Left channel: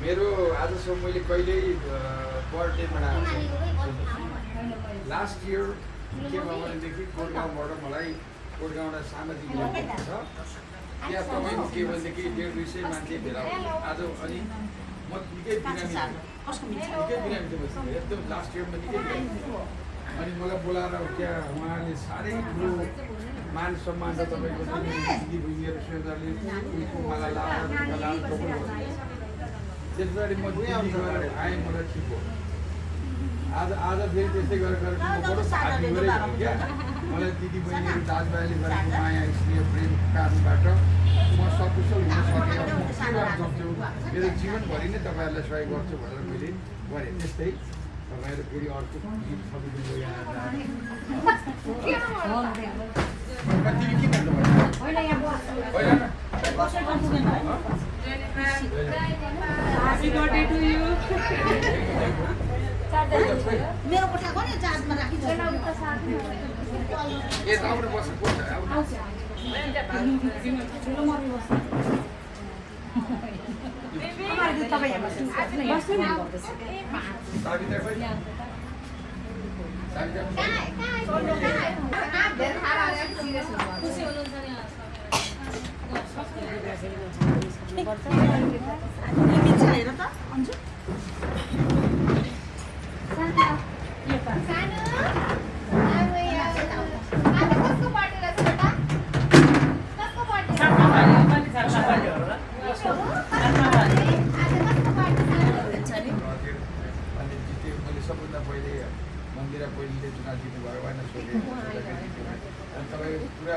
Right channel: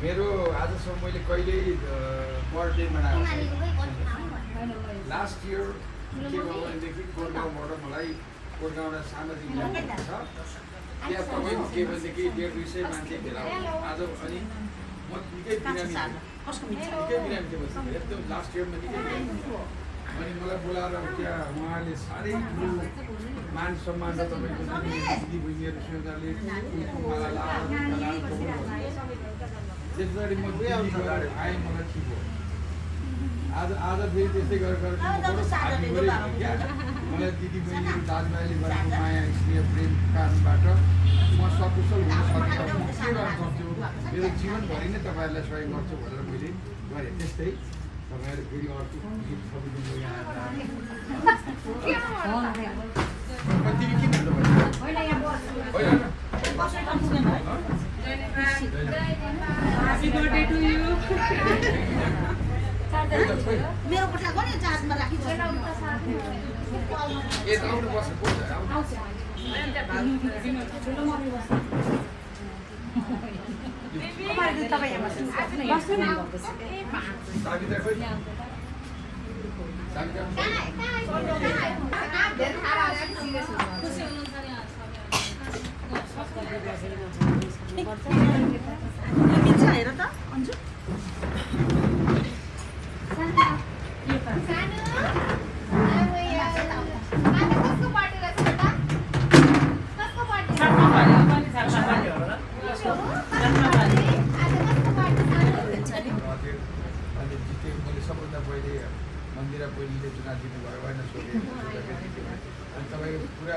मेरो आजसम्म मैले कहिल्यै बर्थडे मनाएको लास्ट इयर के भयो भनेदेखि कोटगाउँबाट मलाई कोटगाउँबाट सामाजिक छ त्यहाँ तपाईँको के भनेदेखि 150 मान्छे भेला आज अनि म निकै बिरामी थिएँ एकदम लास्ट इयरमा निकै अनि मलाई बोलाएर त्यहाँ उहाँले साह्रै ठुलो मान सम्मान र तपाईँको दिदी बहिनीहरू स्वेताले उनको माला लाएर त्यसबाट म दिल्ली गएर आएँ मलाई ठिक हो आज फेरि त्यस्तै गरेर म बडो भाग्य गरेको क्या मलाई दिदी बहिनीहरू दाजुभाइले गरेको माया स्नेह प्रेम कारणबाट म सकुशल हुन सकेँ म के गर्न सक्छु मेरो जीवनभरि नै तपाईँहरूलाई सहयोग गर्छु भनेर मैले गरेँ त्यस्तै तपाईँहरू फेरि अर्को गीत थपिदिनु यहाँ तिमी के भन्नु मेरो कोठाको नि चार्जमा राखिन्छ ए राम्रो बस्छ कोठ आउँछ तपाईँ यहाँ बस्नु हेर त अन्जु सबभन्दा पहिले मन्दिरा पहिलेले चुनाव जित्नुभयो होइन सोधे अनि तपाईँको पुरा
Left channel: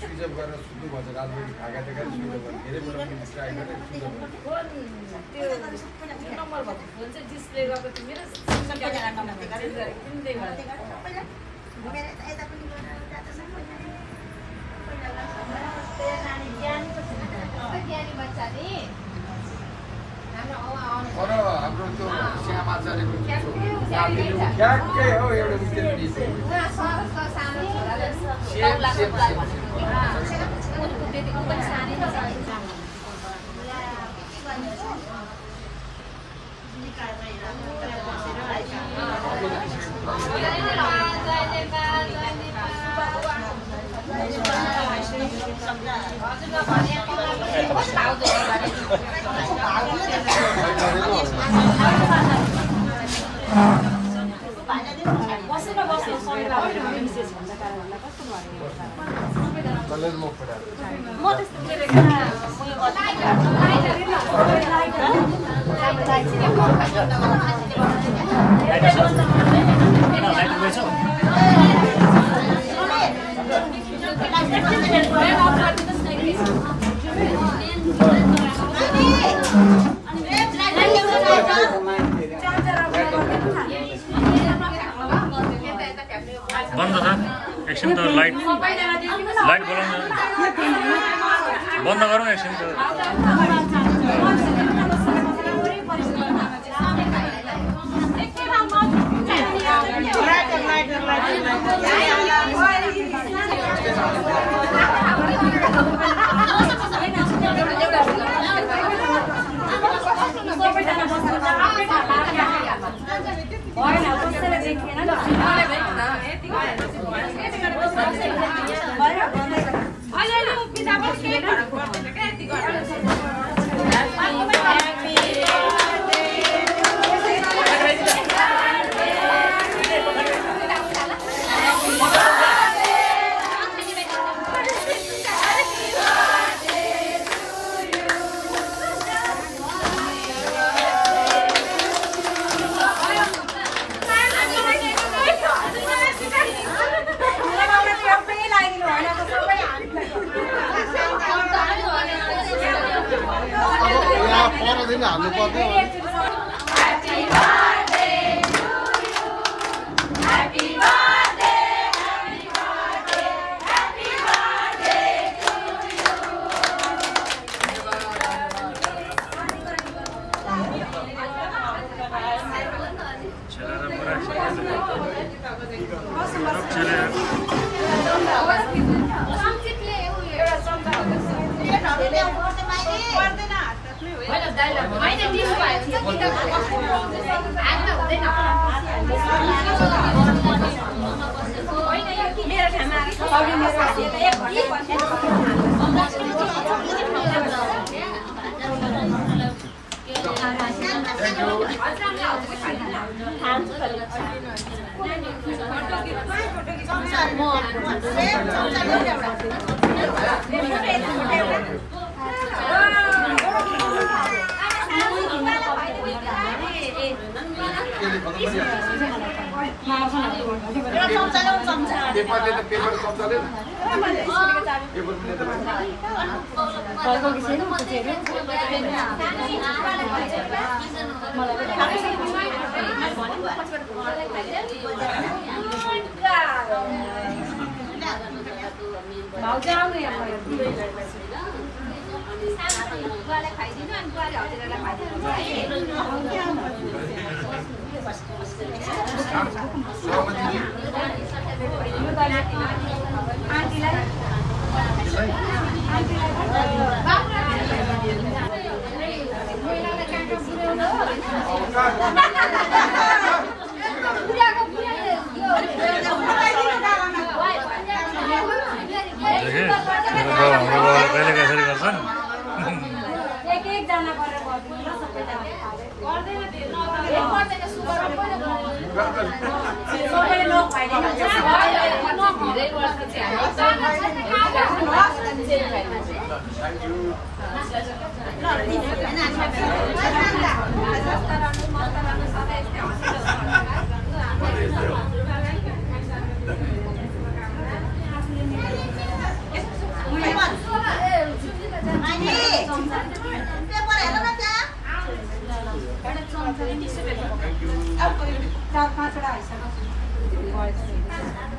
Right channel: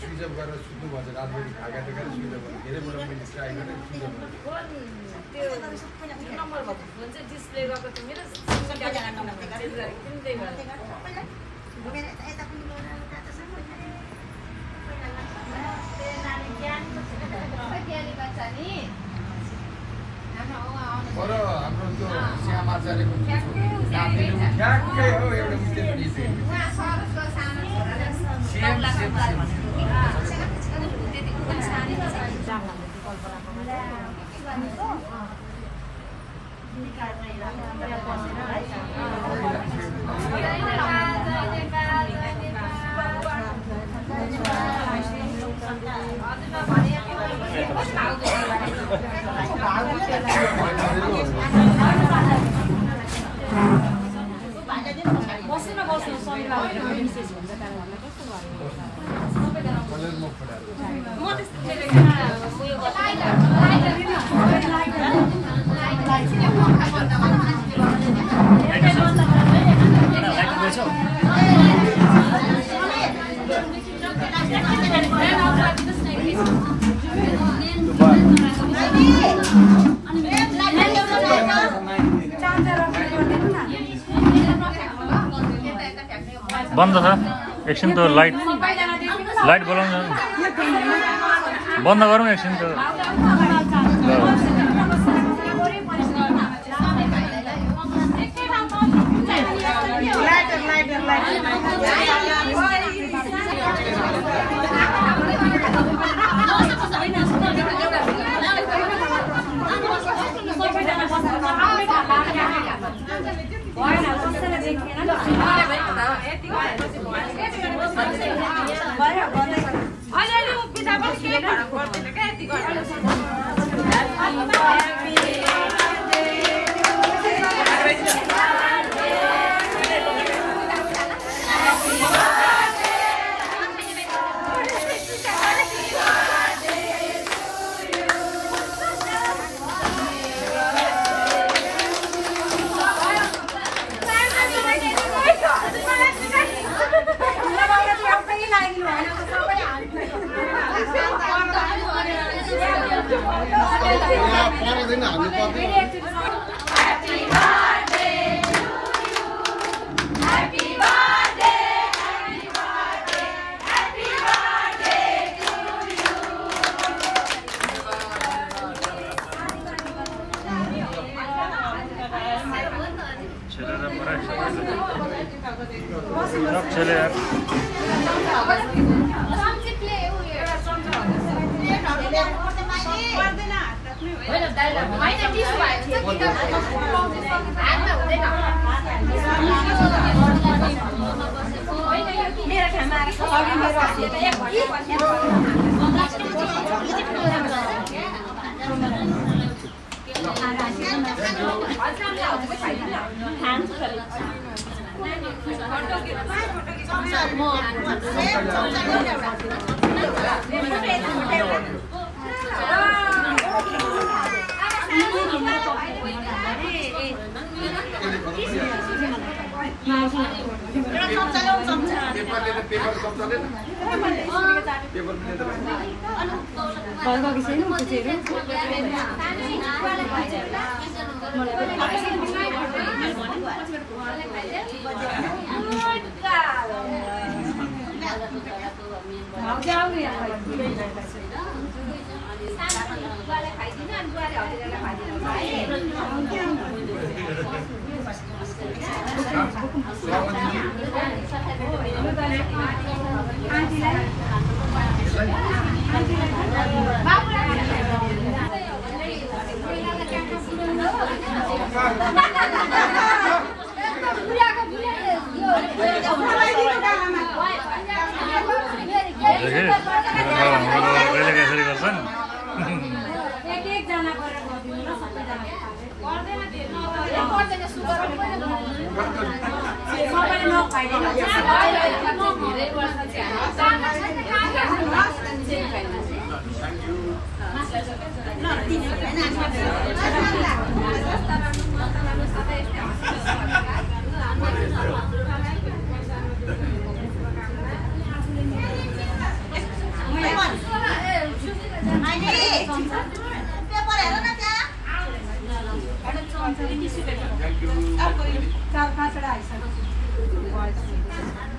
स्विच अफ गरेर सुत्नु भन्छ रातभरि खाका देखाएर स्विच अफ गरेर धेरै बेला मैले ट्राई गरेर स्विच अफ तर हाम्रो त्यो सिंहमाचार्यको ठ्याक्कै हो एउटा विद्यार्थी बन्द छ एकछिन त लाइट बोलाउनु बन्द गरौँ एकछिन त मेरो ठाउँमा कहिले कसरी गर्छन् Thank you.